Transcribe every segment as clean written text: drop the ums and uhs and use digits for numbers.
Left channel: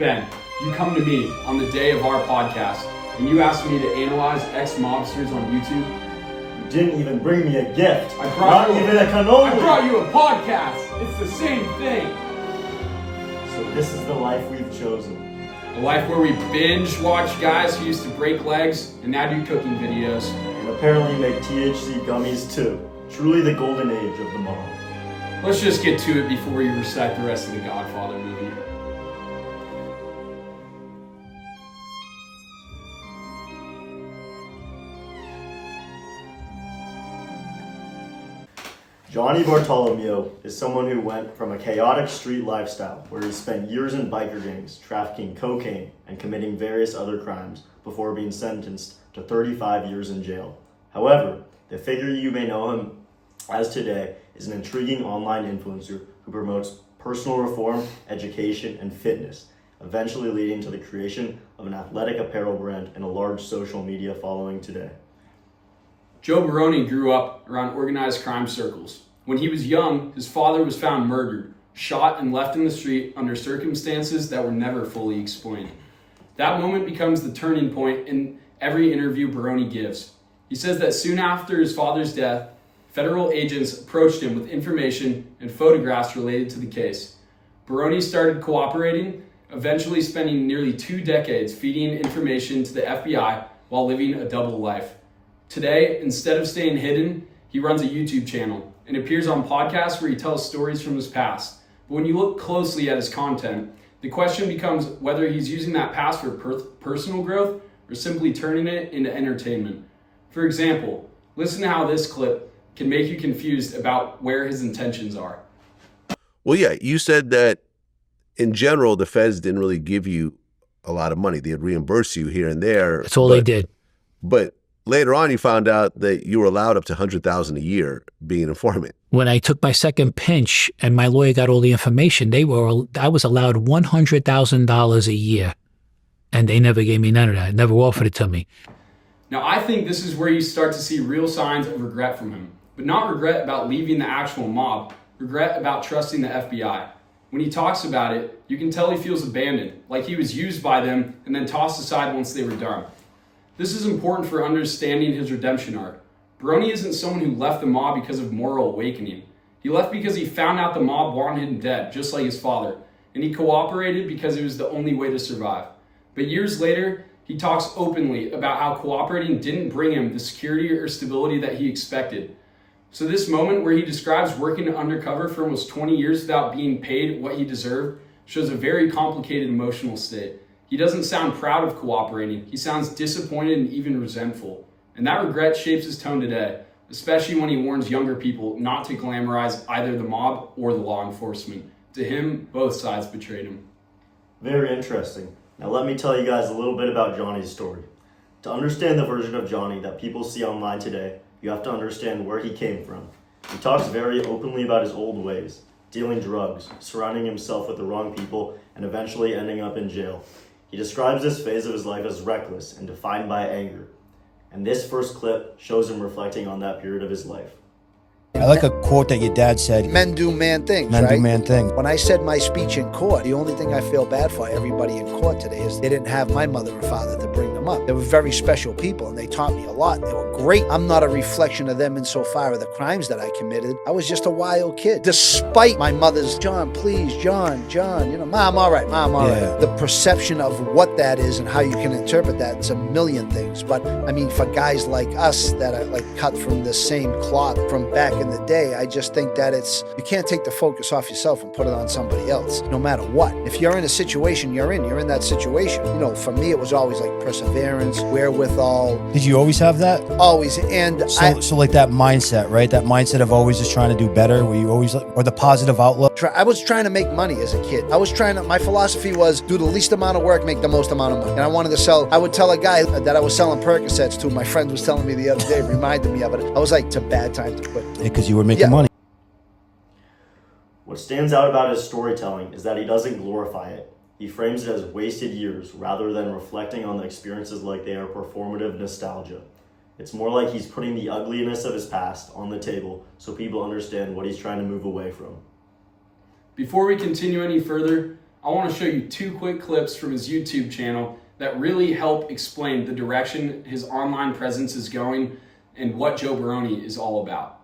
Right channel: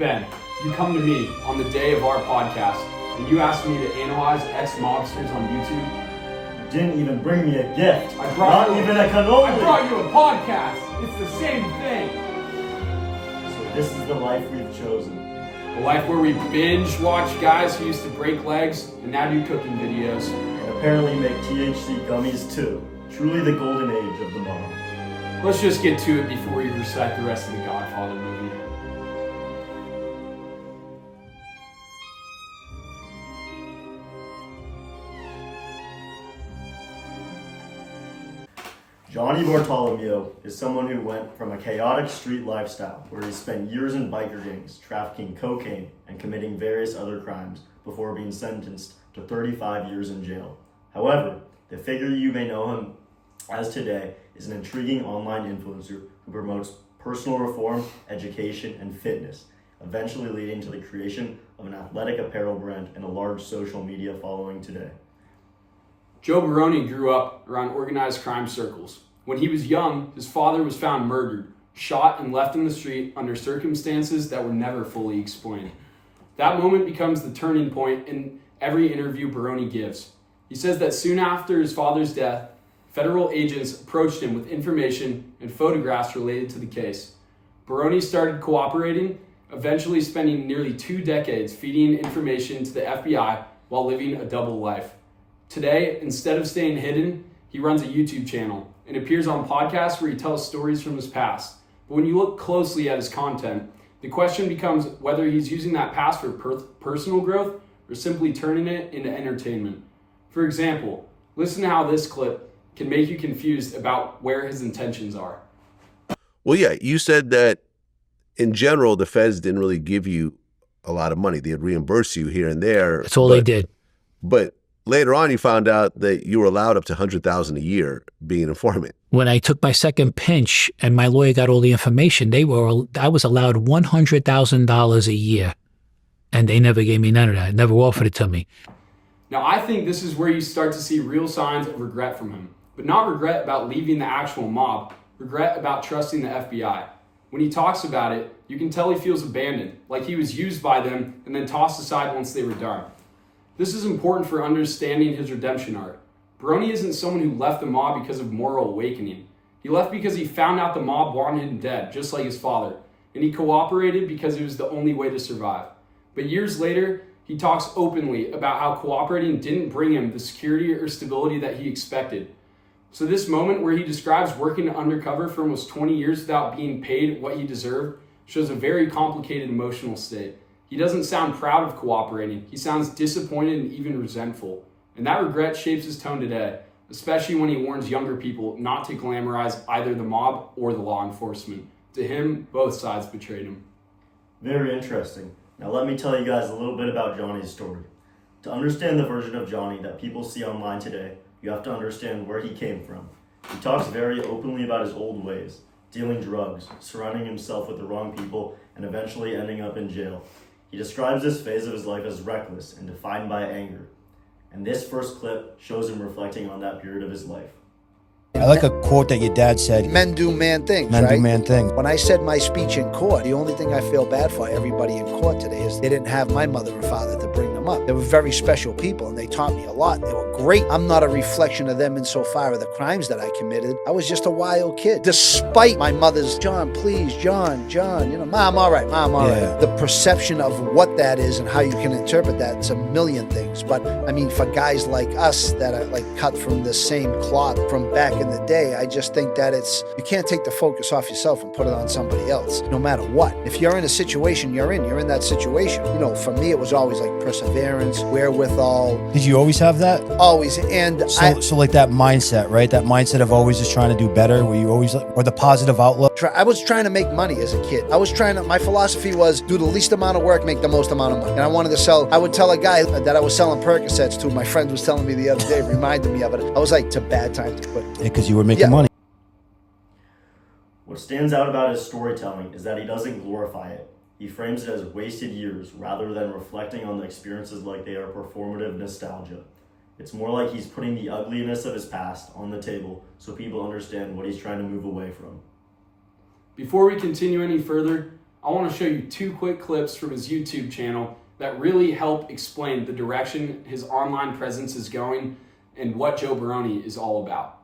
Ben, you come to me on the day of our podcast and you ask me to analyze ex-mobsters on YouTube. You didn't even bring me a gift. Not even a cannoli. I brought you a podcast. It's the same thing. So this is the life we've chosen. A life where we binge watch guys who used to break legs and now do cooking videos. And apparently make THC gummies too. Truly the golden age of the mob. Let's just get to it before we recite the rest of the Godfather movie. Johnny Bartolomeo is someone who went from a chaotic street lifestyle where he spent years in biker gangs, trafficking cocaine, and committing various other crimes before being sentenced to 35 years in jail. However, the figure you may know him as today is an intriguing online influencer who promotes personal reform, education, and fitness, eventually leading to the creation of an athletic apparel brand and a large social media following today. Joe Barone grew up around organized crime circles. When he was young, his father was found murdered, shot, and left in the street under circumstances that were never fully explained. That moment becomes the turning point in every interview Barone gives. He says that soon after his father's death, federal agents approached him with information and photographs related to the case. Barone started cooperating, eventually spending nearly 2 decades feeding information to the FBI while living a double life. Today, instead of staying hidden, he runs a YouTube channel and appears on podcasts where he tells stories from his past. But when you look closely at his content, the question becomes whether he's using that past for personal growth or simply turning it into entertainment. For example, listen to how this clip can make you confused about where his intentions are. Well, yeah, you said that in general, the feds didn't really give you a lot of money. They'd reimburse you here and there. That's all they did. But later on, you found out that you were allowed up to $100,000 a year being an informant. When I took my second pinch and my lawyer got all the information, I was allowed $100,000 a year. And they never gave me none of that, never offered it to me. Now, I think this is where you start to see real signs of regret from him. But not regret about leaving the actual mob, regret about trusting the FBI. When he talks about it, you can tell he feels abandoned, like he was used by them and then tossed aside once they were done. This is important for understanding his redemption arc. Barone isn't someone who left the mob because of moral awakening. He left because he found out the mob wanted him dead, just like his father, and he cooperated because it was the only way to survive. But years later, he talks openly about how cooperating didn't bring him the security or stability that he expected. So this moment where he describes working undercover for almost 20 years without being paid what he deserved shows a very complicated emotional state. He doesn't sound proud of cooperating. He sounds disappointed and even resentful. And that regret shapes his tone today, especially when he warns younger people not to glamorize either the mob or the law enforcement. To him, both sides betrayed him. Very interesting. Now let me tell you guys a little bit about Johnny's story. To understand the version of Johnny that people see online today, you have to understand where he came from. He talks very openly about his old ways, dealing drugs, surrounding himself with the wrong people, and eventually ending up in jail. He describes this phase of his life as reckless and defined by anger. And this first clip shows him reflecting on that period of his life. I like a quote that your dad said. Men do man things, Men right? do man things. When I said my speech in court, the only thing I feel bad for everybody in court today is they didn't have my mother and father to bring them up. They were very special people and they taught me a lot. They were great. I'm not a reflection of them insofar of the crimes that I committed. I was just a wild kid. Despite my mother's, John, please, John, Mom, all right, Mom, all right. The perception of what that is and how you can interpret that is a million things. But I mean, for guys like us that are like cut from the same cloth from back in the day, I just think that you can't take the focus off yourself and put it on somebody else, no matter what. If you're in a situation you're in that situation. You know, for me, it was always like perseverance, wherewithal. Did you always have that? Always. And So like that mindset, right? That mindset of always just trying to do better, where you always, or the positive outlook. I was trying to make money as a kid. My philosophy was do the least amount of work, make the most amount of money. And I wanted to sell, I would tell a guy that I was selling Percocets to, my friend was telling me the other day, reminded me of it. I was like, it's a bad time to quit. Because you were making money. What stands out about his storytelling is that he doesn't glorify it. He frames it as wasted years rather than reflecting on the experiences like they are performative nostalgia. It's more like he's putting the ugliness of his past on the table so people understand what he's trying to move away from. Before we continue any further, I want to show you 2 quick clips from his YouTube channel that really help explain the direction his online presence is going and what Joe Barone is all about.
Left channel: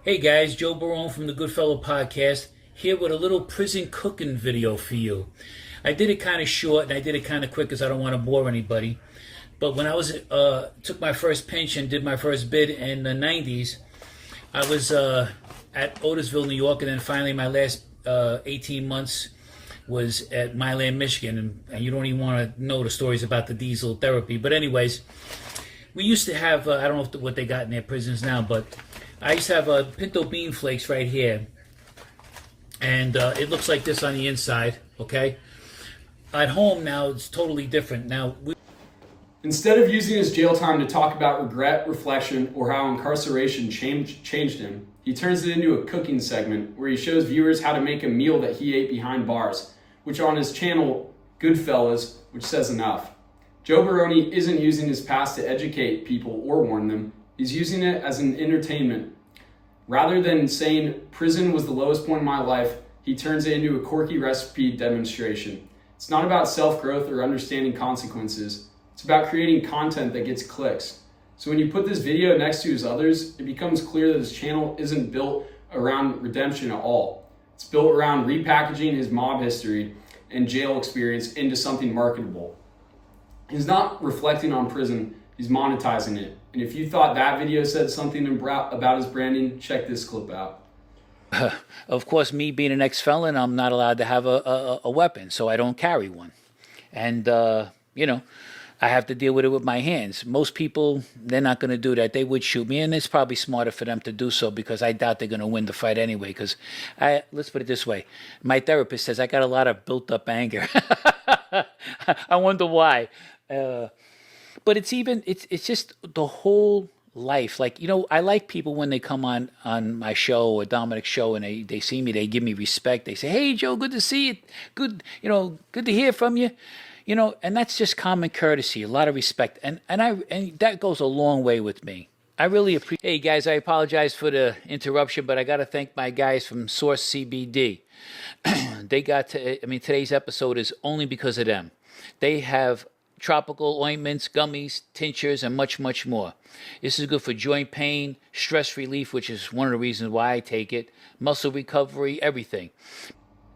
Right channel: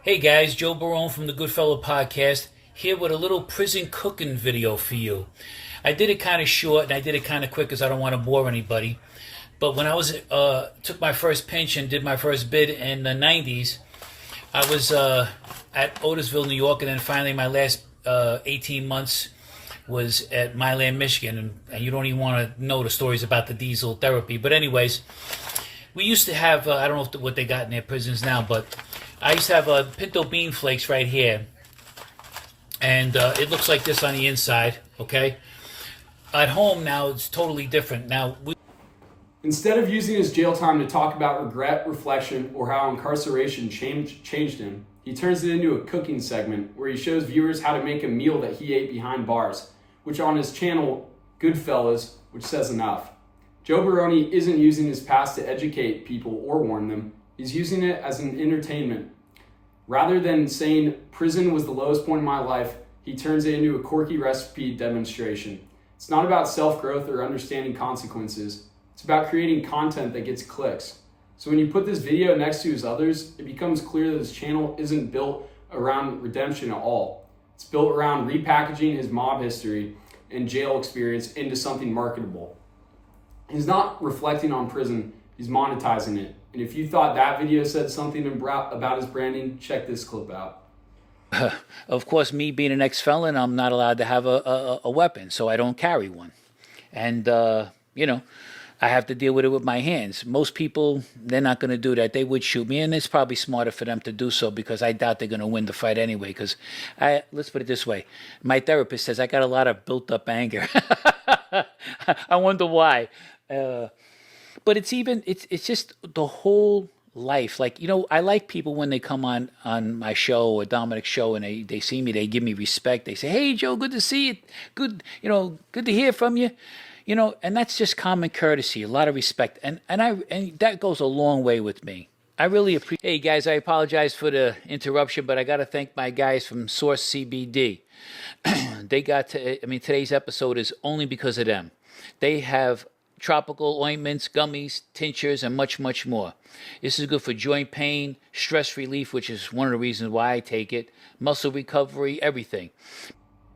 Hey guys, Joe Barone from the Goodfellow Podcast, here with a little prison cooking video for you. I did it kind of short and I did it kind of quick because I don't want to bore anybody. But when I was took my first pinch and did my first bid in the 90s, I was at Otisville, New York, and then finally my last 18 months was at Milan, Michigan. And you don't even want to know the stories about the diesel therapy. But anyways, we used to have, I don't know what they got in their prisons now, but I used to have pinto bean flakes right here. And it looks like this on the inside, okay? At home now, it's totally different. Now, Instead of using his jail time to talk about regret, reflection, or how incarceration changed him, he turns it into a cooking segment where he shows viewers how to make a meal that he ate behind bars, which on his channel, Goodfellas, which says enough. Joe Barone isn't using his past to educate people or warn them. He's using it as an entertainment. Rather than saying prison was the lowest point in my life, he turns it into a quirky recipe demonstration. It's not about self-growth or understanding consequences. It's about creating content that gets clicks. So when you put this video next to his others, it becomes clear that his channel isn't built around redemption at all. It's built around repackaging his mob history and jail experience into something marketable. He's not reflecting on prison, he's monetizing it. And if you thought that video said something about his branding, check this clip out. of course, me being an ex-felon, I'm not allowed to have a weapon, so I don't carry one. And, I have to deal with it with my hands. Most people, they're not going to do that. They would shoot me, and it's probably smarter for them to do so because I doubt they're going to win the fight anyway. Because let's put it this way. My therapist says I got a lot of built-up anger. I wonder why. But it's just the whole life. Like, I like people when they come on my show or Dominic's show and they see me, they give me respect. They say, hey, Joe, good to see you. Good to hear from you. And that's just common courtesy, a lot of respect. And that goes a long way with me. I really appreciate. Hey guys, I apologize for the interruption, but I got to thank my guys from Source CBD. Today's episode is only because of them. They have tropical ointments, gummies, tinctures, and much, much more. This is good for joint pain, stress relief, which is one of the reasons why I take it, muscle recovery, everything.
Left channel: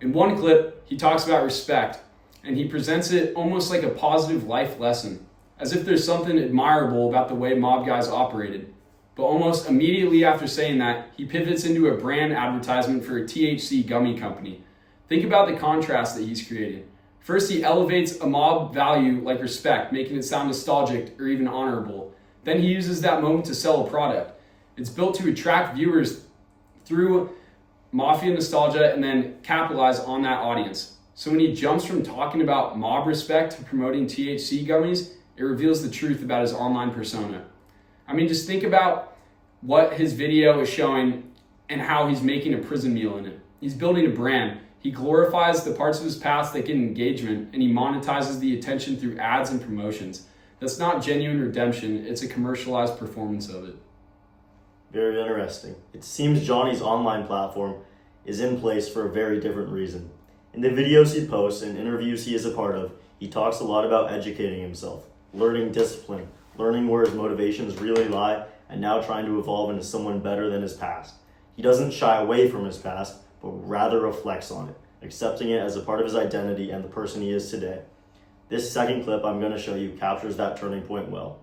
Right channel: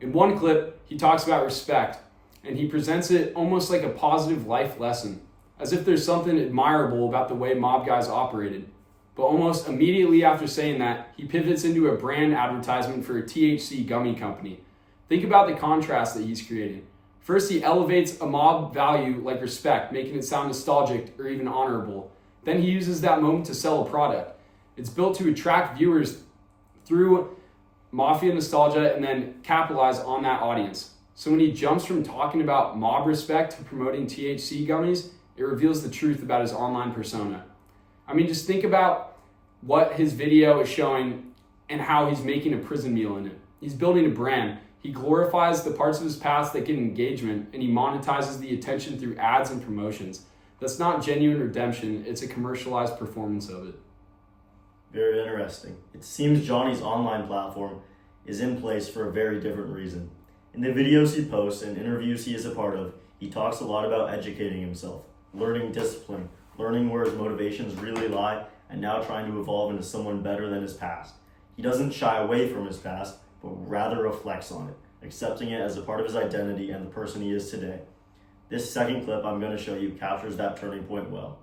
In one clip, he talks about respect, and he presents it almost like a positive life lesson, as if there's something admirable about the way mob guys operated. But almost immediately after saying that, he pivots into a brand advertisement for a THC gummy company. Think about the contrast that he's creating. First, he elevates a mob value like respect, making it sound nostalgic or even honorable. Then he uses that moment to sell a product. It's built to attract viewers through mafia nostalgia and then capitalize on that audience. So when he jumps from talking about mob respect to promoting THC gummies, it reveals the truth about his online persona. Just think about what his video is showing and how he's making a prison meal in it. He's building a brand. He glorifies the parts of his past that get engagement, and he monetizes the attention through ads and promotions. That's not genuine redemption, it's a commercialized performance of it. Very interesting. It seems Johnny's online platform is in place for a very different reason. In the videos he posts and interviews he is a part of, he talks a lot about educating himself, learning discipline, learning where his motivations really lie, and now trying to evolve into someone better than his past. He doesn't shy away from his past, but rather reflects on it, accepting it as a part of his identity and the person he is today. This second clip I'm going to show you captures that turning point well.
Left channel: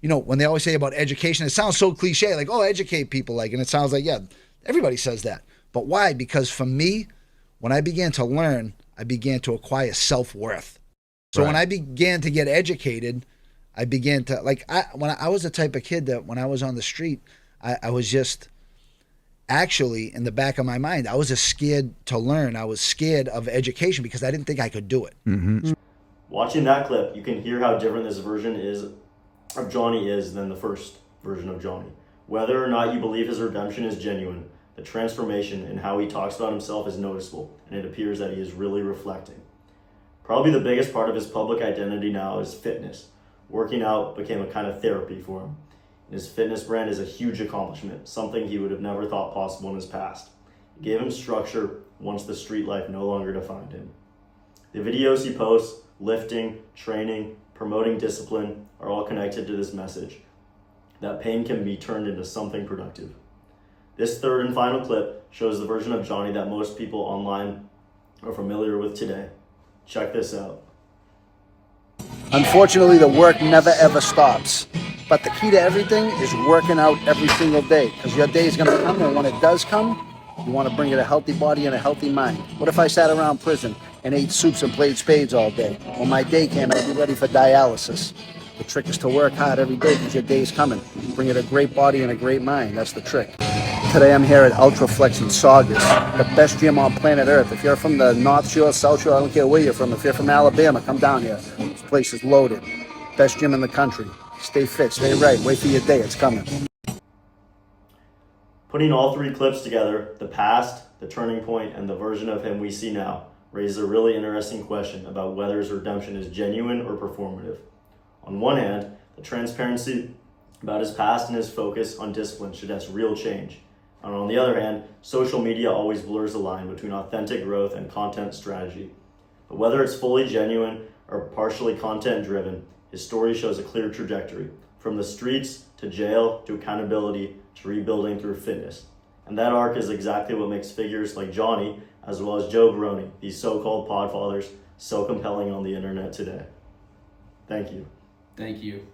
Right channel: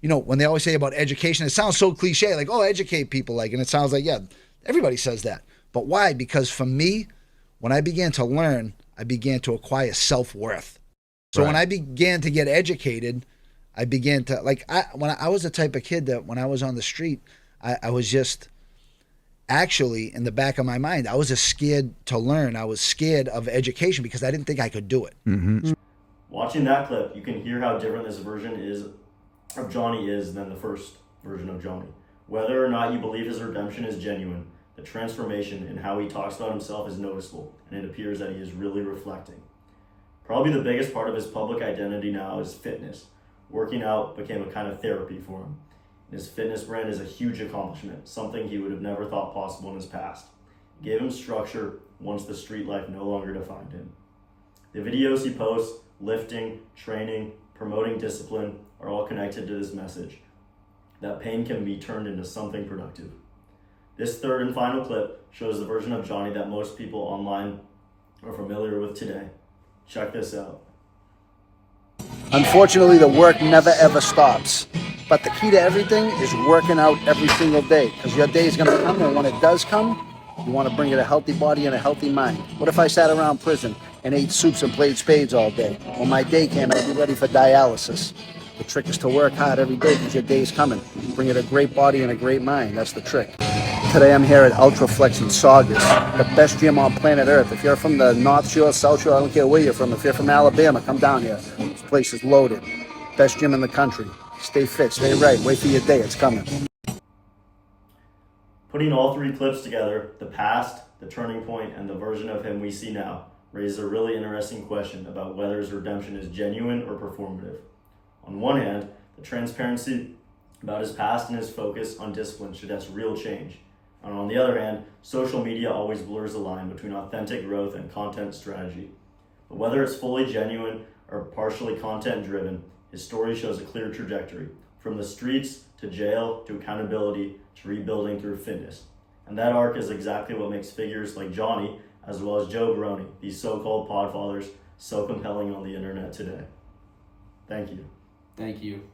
When they always say about education, it sounds so cliche, like, oh, educate people, and it sounds like, yeah, everybody says that. But why? Because for me, when I began to learn, I began to acquire self-worth. So when I began to get educated, I began to, when I was the type of kid that when I was on the street, I was just, actually, in the back of my mind, I was just scared to learn. I was scared of education because I didn't think I could do it. Mm-hmm. Watching that clip, you can hear how different this version of Johnny is than the first version of Johnny. Whether or not you believe his redemption is genuine, the transformation in how he talks about himself is noticeable, and it appears that he is really reflecting. Probably the biggest part of his public identity now is fitness. Working out became a kind of therapy for him. His fitness brand is a huge accomplishment, something he would have never thought possible in his past. It gave him structure, once the street life no longer defined him. The videos he posts, lifting, training, promoting discipline, are all connected to this message that pain can be turned into something productive. This third and final clip shows the version of Johnny that most people online are familiar with today. Check this out. Unfortunately, the work never ever stops. But the key to everything is working out every single day, because your day is going to come, and when it does come, you want to bring it a healthy body and a healthy mind. What if I sat around prison and ate soups and played spades all day? When my day came, I'd be ready for dialysis. The trick is to work hard every day, because your day is coming. Bring it a great body and a great mind. That's the trick. Today I'm here at Ultraflex in Saugus, the best gym on planet Earth. If you're from the North Shore, South Shore, I don't care where you're from. If you're from Alabama, come down here. This place is loaded. Best gym in the country. Stay fit, stay right. Wait for your day, it's coming. Putting all three clips together, the past, the turning point, and the version of him we see now, raises a really interesting question about whether his redemption is genuine or performative. On one hand, the transparency about his past and his focus on discipline suggests real change. And on the other hand, social media always blurs the line between authentic growth and content strategy. But whether it's fully genuine or partially content driven, his story shows a clear trajectory, from the streets to jail to accountability to rebuilding through fitness. And that arc is exactly what makes figures like Johnny, as well as Joe Barone, these so-called podfathers, so compelling on the internet today. Thank you. Thank you.